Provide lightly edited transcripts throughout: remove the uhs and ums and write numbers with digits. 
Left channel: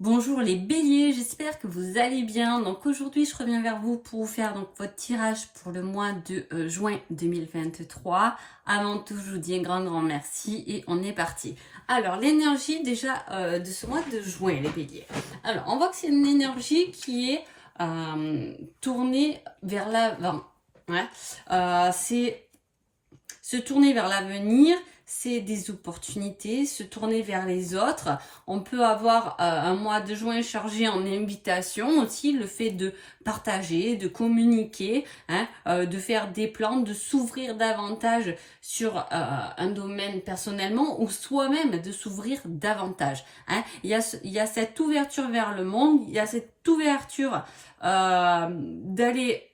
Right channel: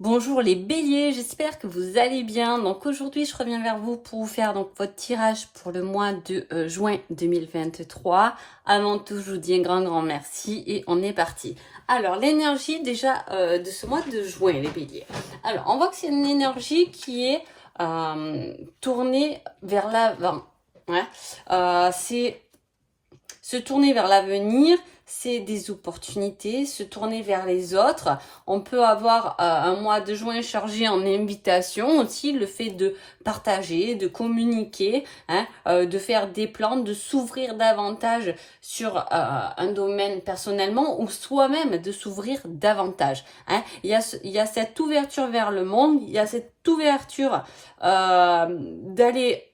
Bonjour les béliers, j'espère que vous allez bien. Donc aujourd'hui, je reviens vers vous pour vous faire donc votre tirage pour le mois de juin 2023. Avant tout, je vous dis un grand merci et on est parti. Alors l'énergie déjà de ce mois de juin, les béliers. Alors on voit que c'est une énergie qui est tournée vers l'avant. Hein. C'est se tourner vers l'avenir, c'est des opportunités, se tourner vers les autres. On peut avoir un mois de juin chargé en invitations aussi, le fait de partager, de communiquer, hein, de faire des plans, de s'ouvrir davantage sur un domaine personnellement ou soi-même de s'ouvrir davantage. Hein. Il y a cette ouverture vers le monde, il y a cette ouverture d'aller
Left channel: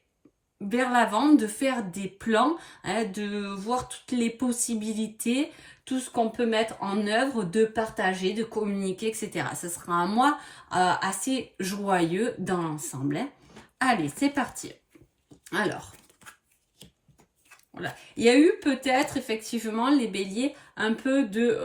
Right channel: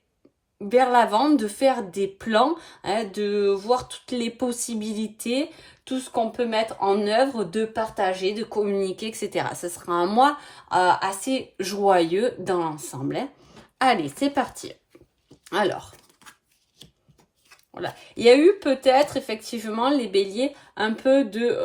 vers l'avant, de faire des plans, hein, de voir toutes les possibilités, tout ce qu'on peut mettre en œuvre, de partager, de communiquer, etc. Ce sera un mois assez joyeux dans l'ensemble. Hein. Allez, c'est parti. Alors, voilà. Il y a eu peut-être effectivement les béliers un peu de,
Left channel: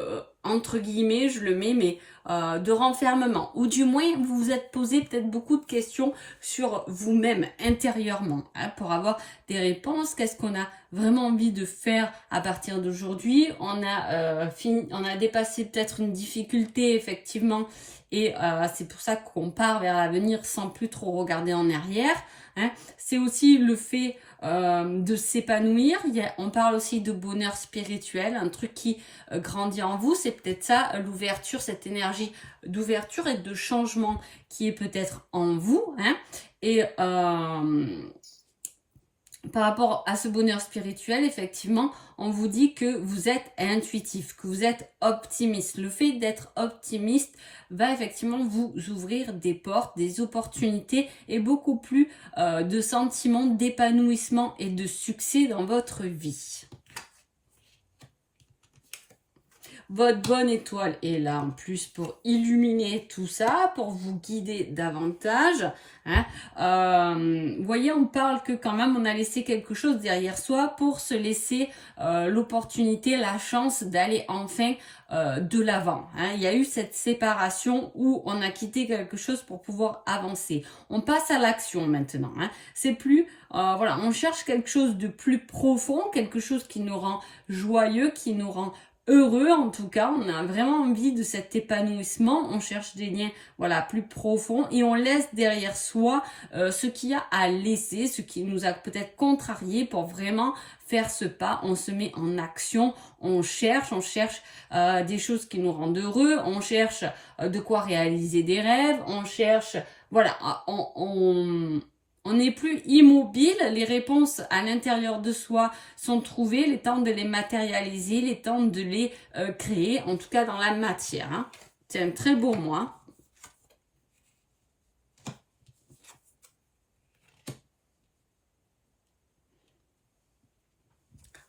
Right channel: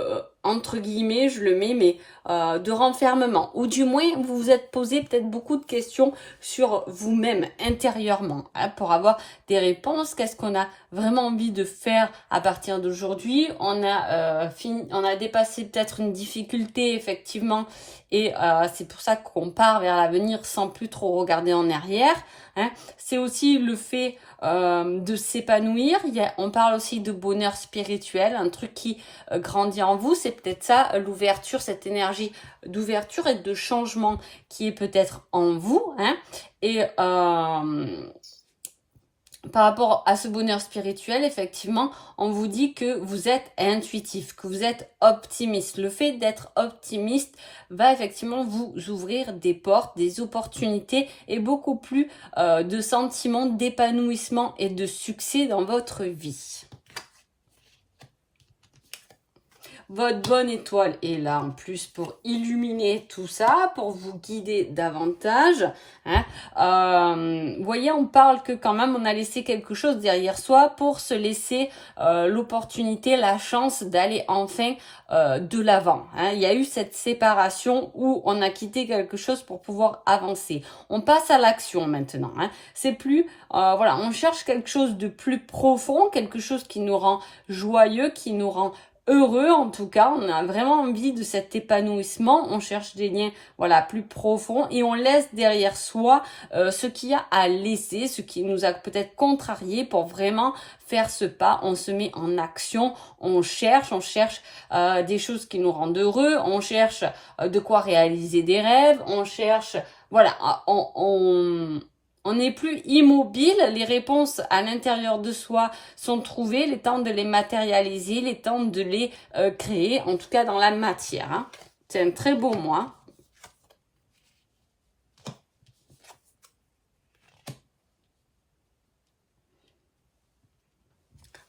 entre guillemets, je le mets, mais de renfermement. Ou du moins, vous vous êtes posé peut-être beaucoup de questions sur vous-même intérieurement hein, pour avoir des réponses. Qu'est-ce qu'on a vraiment envie de faire à partir d'aujourd'hui? On a dépassé peut-être une difficulté effectivement et c'est pour ça qu'on part vers l'avenir sans plus trop regarder en arrière. Hein. C'est aussi le fait de s'épanouir. On parle aussi de bonheur spirituel, un truc qui grandit en vous. C'est peut-être ça, l'ouverture, cette énergie d'ouverture et de changement qui est peut-être en vous. Hein. Et par rapport à ce bonheur spirituel, effectivement, on vous dit que vous êtes intuitif, que vous êtes optimiste. Le fait d'être optimiste va effectivement vous ouvrir des portes, des opportunités et beaucoup plus de sentiments d'épanouissement et de succès dans votre vie. Votre bonne étoile est là en plus pour illuminer tout ça, pour vous guider davantage. Hein. Vous voyez, on parle que quand même on a laissé quelque chose derrière soi pour se laisser l'opportunité, la chance d'aller enfin de l'avant. Hein. Il y a eu cette séparation où on a quitté quelque chose pour pouvoir avancer. On passe à l'action maintenant. Hein. C'est plus, voilà, on cherche quelque chose de plus profond, quelque chose qui nous rend joyeux, qui nous rend heureux en tout cas, on a vraiment envie de cet épanouissement, on cherche des liens voilà plus profonds et on laisse derrière soi ce qu'il y a à laisser, ce qui nous a peut-être contrarié pour vraiment faire ce pas, on se met en action, on cherche des choses qui nous rendent heureux, on cherche de quoi réaliser des rêves, on cherche voilà, on n'est plus immobile, les réponses à l'intérieur de soi sont trouvées, les temps de les matérialiser, les temps de les créer, en tout cas dans la matière. Hein. C'est un très beau mois.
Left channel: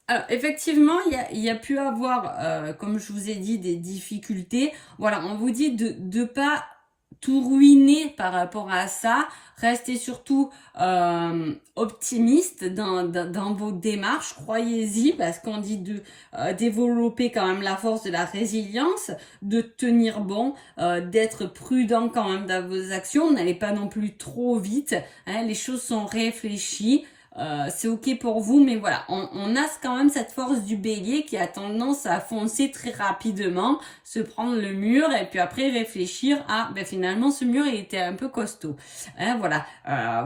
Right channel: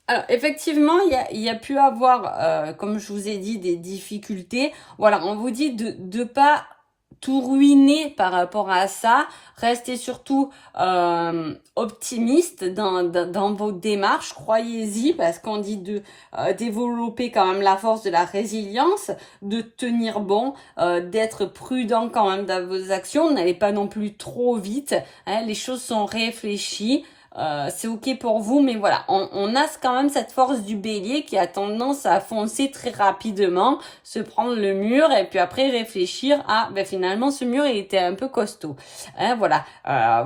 Alors, effectivement, il y a pu avoir, comme je vous ai dit, des difficultés. Voilà, on vous dit de ne pas tout ruiner par rapport à ça. Restez surtout optimiste dans vos démarches. Croyez-y parce qu'on dit de développer quand même la force de la résilience, de tenir bon, d'être prudent quand même dans vos actions. N'allez pas non plus trop vite. Hein, les choses sont réfléchies. C'est ok pour vous, mais voilà, on a quand même cette force du bélier qui a tendance à foncer très rapidement, se prendre le mur et puis après réfléchir à, ben finalement ce mur il était un peu costaud. Hein, voilà,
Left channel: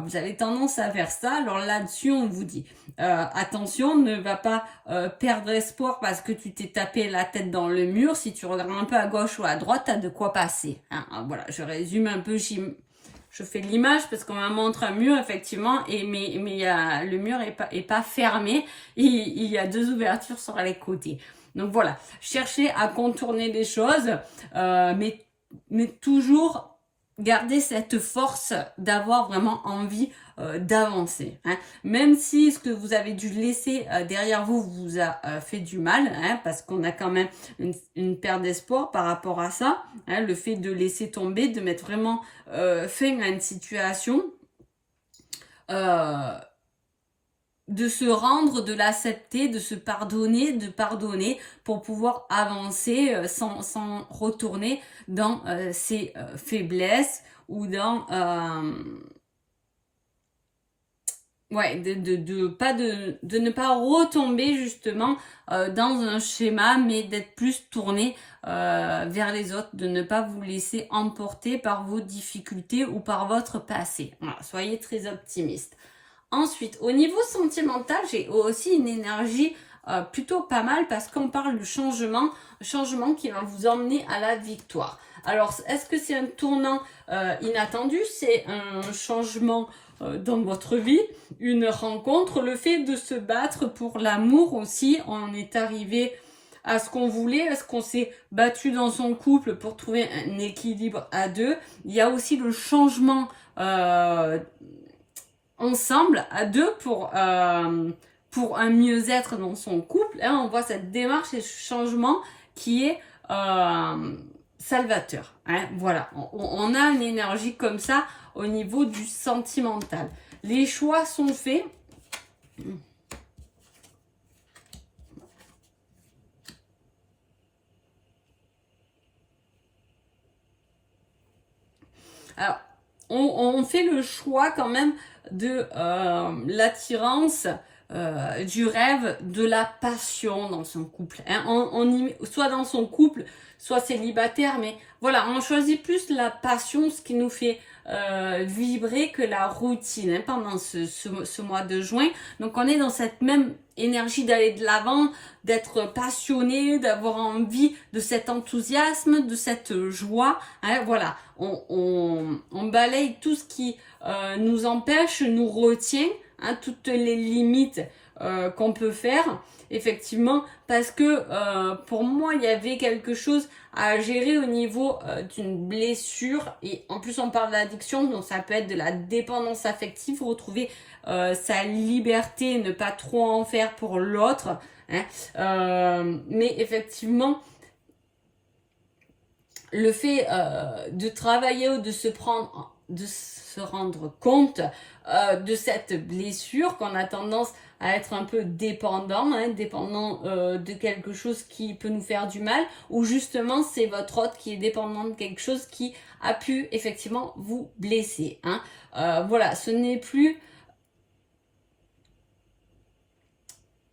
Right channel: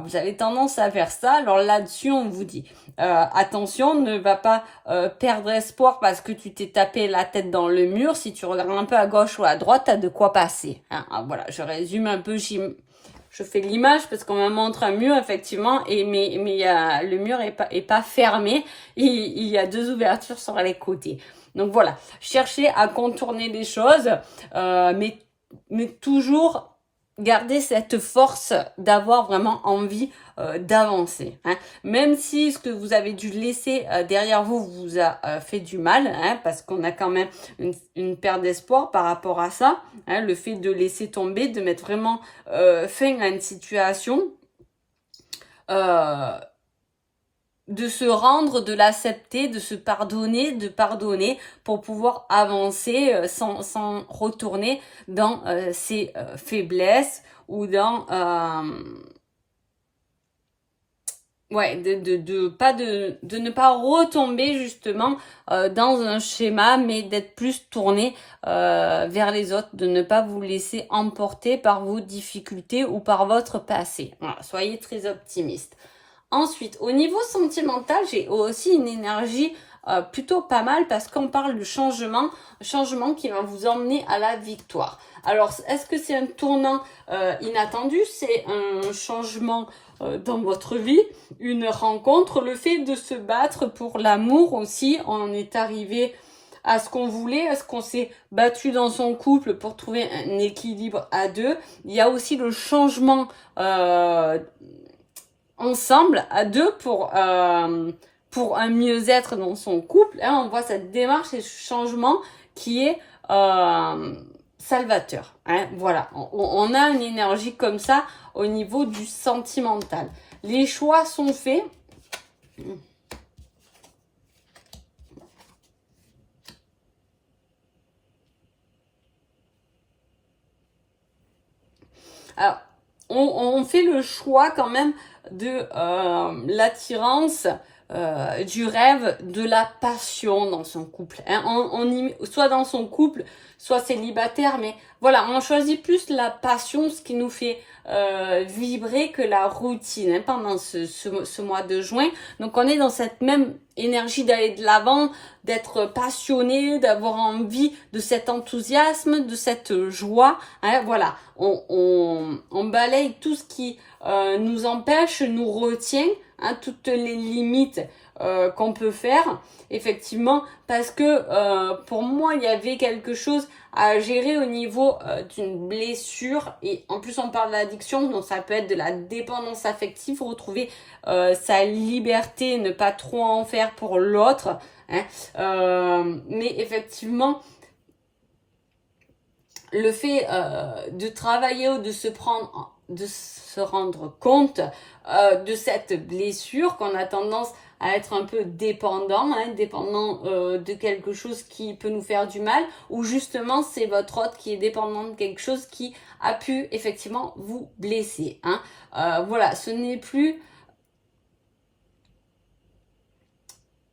vous avez tendance à faire ça. Alors là-dessus, on vous dit, attention, ne va pas perdre espoir parce que tu t'es tapé la tête dans le mur. Si tu regardes un peu à gauche ou à droite, t'as de quoi passer. Hein, voilà, je résume un peu. Je fais l'image parce qu'on me montre un mur effectivement mais le mur est pas fermé, il y a deux ouvertures sur les côtés. Donc voilà, cherchez à contourner les choses, mais toujours garder cette force d'avoir vraiment envie d'avancer. Hein. Même si ce que vous avez dû laisser derrière vous vous a fait du mal, hein, parce qu'on a quand même une perte d'espoir par rapport à ça, hein, le fait de laisser tomber, de mettre vraiment fin à une situation. Euh, de se rendre, de l'accepter, de se pardonner, de pardonner pour pouvoir avancer sans retourner dans ses faiblesses ou dans ouais, de ne pas retomber justement dans un schéma, mais d'être plus tourné vers les autres, de ne pas vous laisser emporter par vos difficultés ou par votre passé. Voilà, soyez très optimiste. Ensuite, au niveau sentimental, j'ai aussi une énergie plutôt pas mal parce qu'on parle de changement, changement qui va vous emmener à la victoire. Alors, est-ce que c'est un tournant inattendu? C'est un changement dans votre vie, une rencontre, le fait de se battre pour l'amour aussi. On est arrivé à ce qu'on voulait, est-ce qu'on s'est battu dans son couple pour trouver un équilibre à deux. Il y a aussi le changement ensemble à deux pour un mieux-être dans son couple. Hein, on voit cette démarche et ce changement qui est salvateur. Hein, voilà, on a une énergie comme ça au niveau du sentimental. Les choix sont faits. Alors, on fait le choix quand même de l'attirance, du rêve, de la passion dans son couple. Hein. Soit dans son couple, soit célibataire, mais voilà, on choisit plus la passion, ce qui nous fait vibrer que la routine hein, pendant ce mois de juin. Donc on est dans cette même énergie d'aller de l'avant, d'être passionné, d'avoir envie de cet enthousiasme, de cette joie. Hein, voilà, on balaye tout ce qui nous empêche, nous retient, hein, toutes les limites qu'on peut faire, effectivement, parce que pour moi, il y avait quelque chose à gérer au niveau d'une blessure, et en plus on parle d'addiction, donc ça peut être de la dépendance affective, retrouver sa liberté, ne pas trop en faire pour l'autre, hein, mais effectivement, le fait de travailler ou de se rendre compte de cette blessure, qu'on a tendance à être un peu dépendant, hein, dépendant de quelque chose qui peut nous faire du mal, ou justement c'est votre autre qui est dépendant de quelque chose qui a pu effectivement vous blesser. Hein. Voilà, ce n'est plus...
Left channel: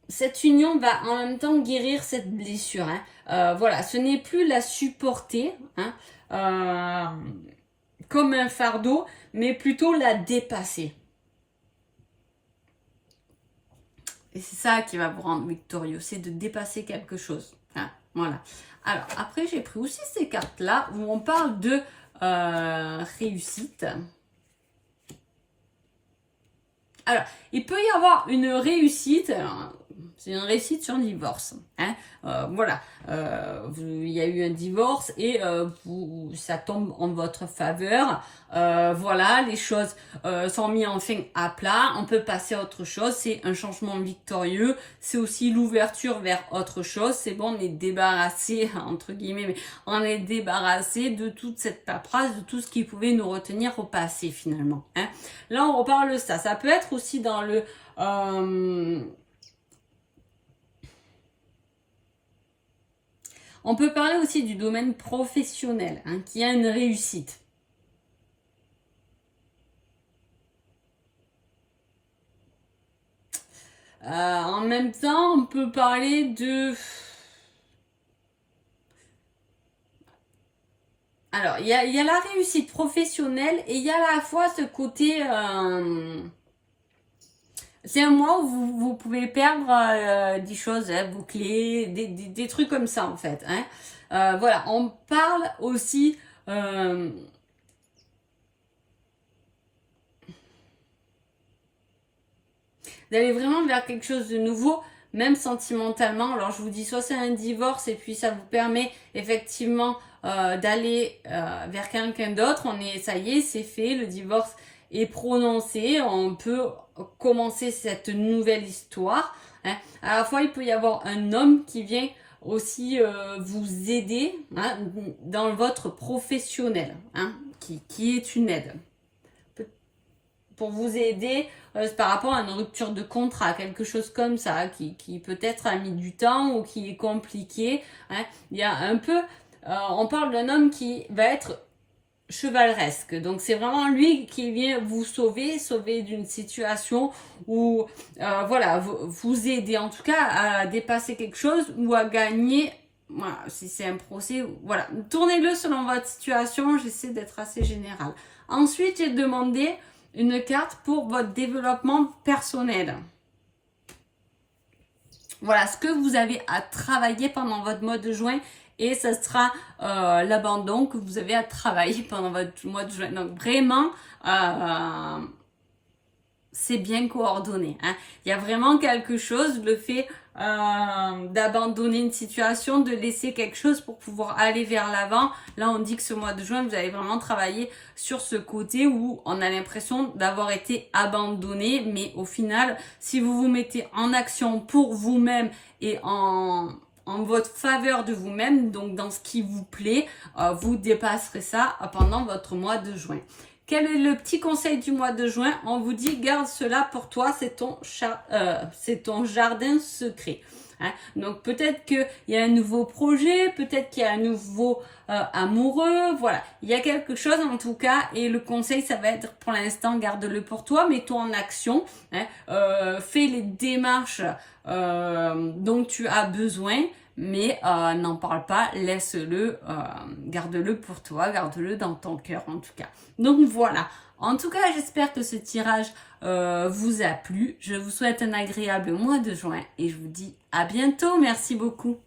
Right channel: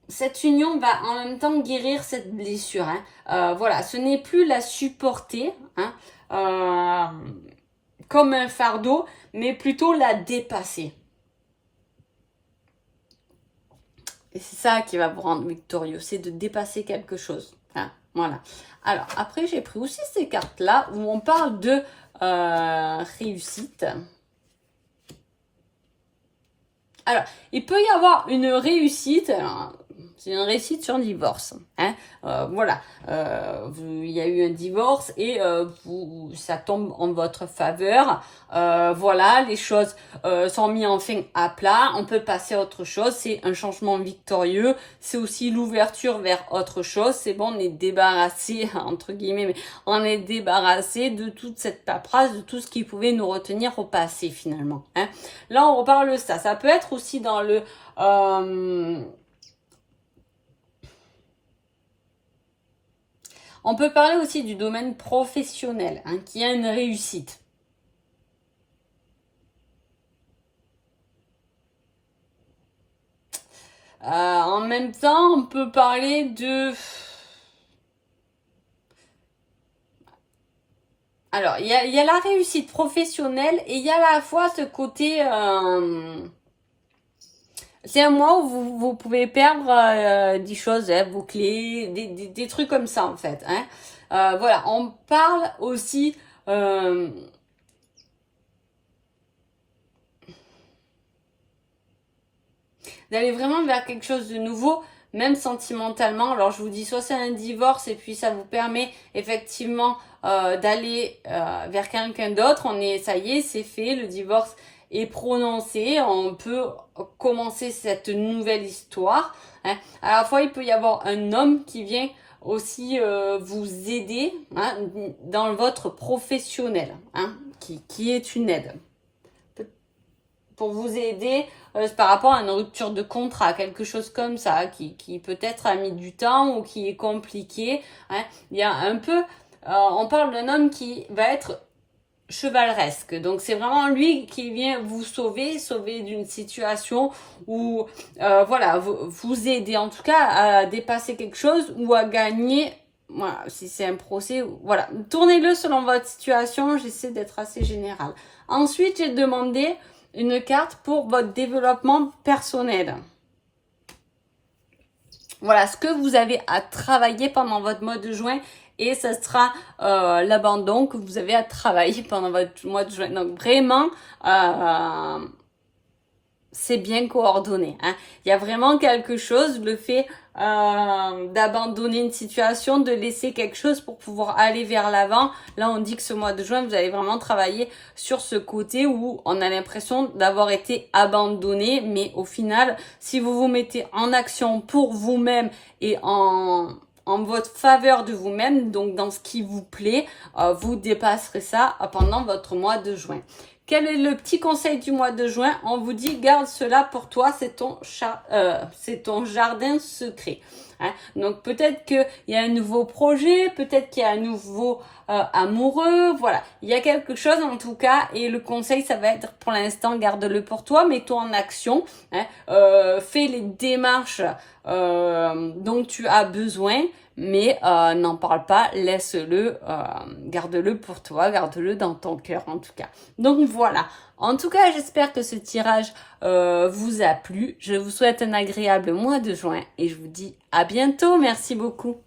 Cette union va en même temps guérir cette blessure. Hein. Voilà, ce n'est plus la supporter hein, comme un fardeau, mais plutôt la dépasser. Et c'est ça qui va vous rendre victorieux, c'est de dépasser quelque chose. Hein, voilà. Alors, après, j'ai pris aussi ces cartes-là où on parle de réussite. Alors, il peut y avoir une réussite, c'est une réussite sur un divorce. Hein, voilà, il y a eu un divorce et ça tombe en votre faveur. Voilà, les choses sont mises enfin à plat. On peut passer à autre chose. C'est un changement victorieux. C'est aussi l'ouverture vers autre chose. C'est bon, on est débarrassé, entre guillemets, mais on est débarrassé de toute cette paperasse, de tout ce qui pouvait nous retenir au passé finalement. Hein. Là, on reparle de ça. Ça peut être aussi dans le... on peut parler aussi du domaine professionnel, hein, qui a une réussite. En même temps, on peut parler de... Alors, il y a la réussite professionnelle et il y a à la fois ce côté... c'est un mois où vous pouvez perdre des choses, hein, vos clés, des trucs comme ça en fait. Hein. Voilà, on parle aussi d'aller vraiment vers quelque chose de nouveau, même sentimentalement. Alors je vous dis, soit c'est un divorce et puis ça vous permet effectivement d'aller vers quelqu'un d'autre. Ça y est, c'est fait, le divorce est prononcé, on peut commencer cette nouvelle histoire. Hein. À la fois, il peut y avoir un homme qui vient aussi vous aider hein, dans votre professionnel, hein, qui est une aide. pour vous aider par rapport à une rupture de contrat, quelque chose comme ça, qui peut-être a mis du temps ou qui est compliqué. Hein. Il y a un peu, on parle d'un homme qui va être chevaleresque. Donc c'est vraiment lui qui vient vous sauver d'une situation où voilà, vous aider en tout cas à dépasser quelque chose ou à gagner. Voilà, si c'est un procès, voilà. Tournez-le selon votre situation, j'essaie d'être assez général. Ensuite, j'ai demandé une carte pour votre développement personnel. Voilà, ce que vous avez à travailler pendant votre mois de juin et ce sera l'abandon que vous avez à travailler pendant votre mois de juin. Donc vraiment, c'est bien coordonné. Hein. Il y a vraiment quelque chose, le fait d'abandonner une situation, de laisser quelque chose pour pouvoir aller vers l'avant. Là, on dit que ce mois de juin, vous allez vraiment travailler sur ce côté où on a l'impression d'avoir été abandonné, mais au final, si vous vous mettez en action pour vous-même et en votre faveur de vous-même, donc dans ce qui vous plaît, vous dépasserez ça pendant votre mois de juin. Quel est le petit conseil du mois de juin? On vous dit, garde cela pour toi, c'est ton jardin secret. Hein? Donc peut-être qu'il y a un nouveau projet, peut-être qu'il y a un nouveau amoureux, voilà. Il y a quelque chose en tout cas et le conseil, ça va être pour l'instant, garde-le pour toi, mets-toi en action, hein? Fais les démarches dont tu as besoin. Mais n'en parle pas, laisse-le, garde-le pour toi, garde-le dans ton cœur en tout cas. Donc voilà, en tout cas j'espère que ce tirage vous a plu. Je vous souhaite un agréable mois de juin et je vous dis à bientôt, merci beaucoup.